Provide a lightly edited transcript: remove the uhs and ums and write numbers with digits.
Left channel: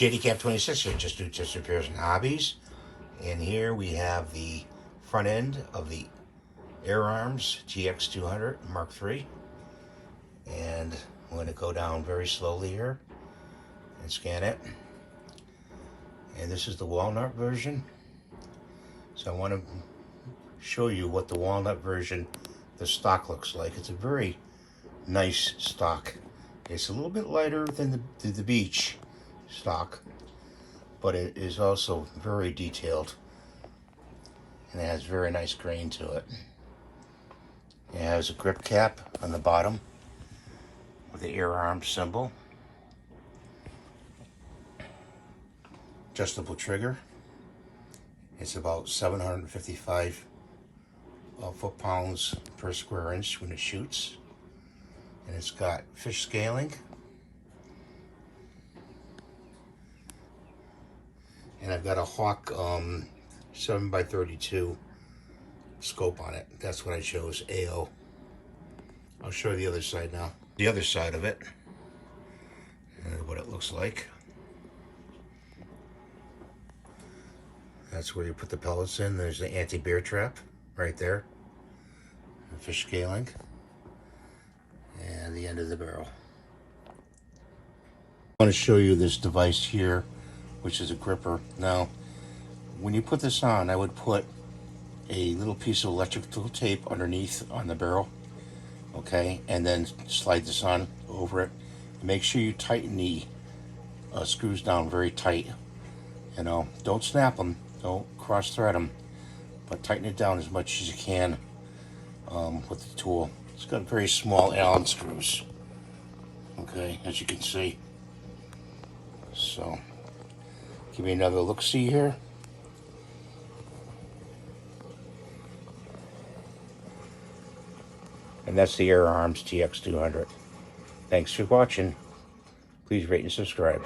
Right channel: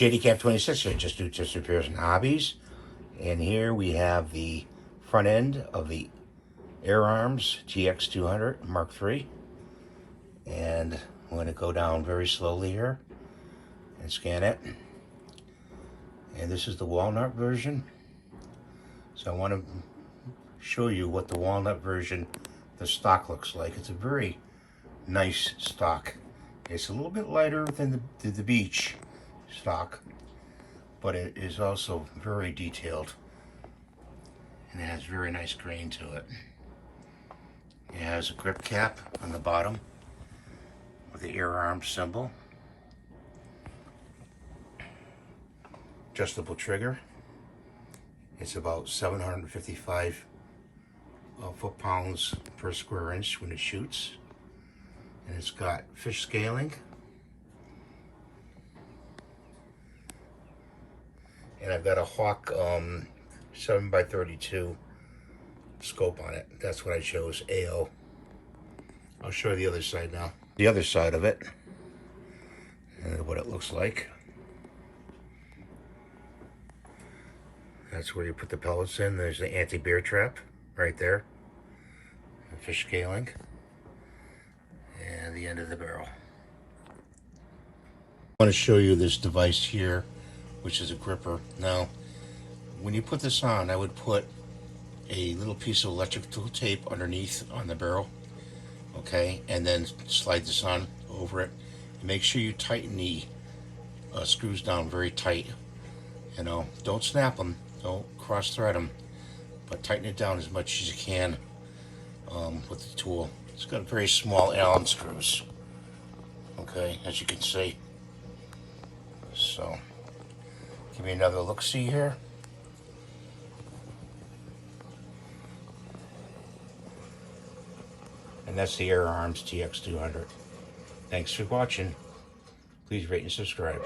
JDCap26 here, just repairs and hobbies. And here we have the front end of the Air Arms TX200 Mk3. And I'm going to go down very slowly here and scan it. And this is the Walnut version. So I want to show you what the Walnut version, the stock looks like. It's a very nice stock. It's a little bit lighter than the beach stock, but it is also very detailed and it has very nice grain to it. It has a grip cap on the bottom with the Air Arms symbol, adjustable trigger. It's about 755 foot-pounds per square inch when it shoots, and it's got fish scaling. And I've got a Hawke 7x32 scope on it. That's what I chose, Ao. I'll show you the other side now. The other side of it, and what it looks like. That's where you put the pellets in. There's the anti-bear trap right there. The fish scaling. And the end of the barrel. I want to show you this device here, which is a gripper. Now, when you put this on, I would put a little piece of electrical tape underneath on the barrel, okay, and then slide this on over it. Make sure you tighten the screws down very tight. You know, don't snap them, don't cross thread them, but tighten it down as much as you can with the tool. It's got very small Allen screws, okay, as you can see. So, give me another look-see here. And that's the Air Arms TX200. Thanks for watching. Please rate and subscribe.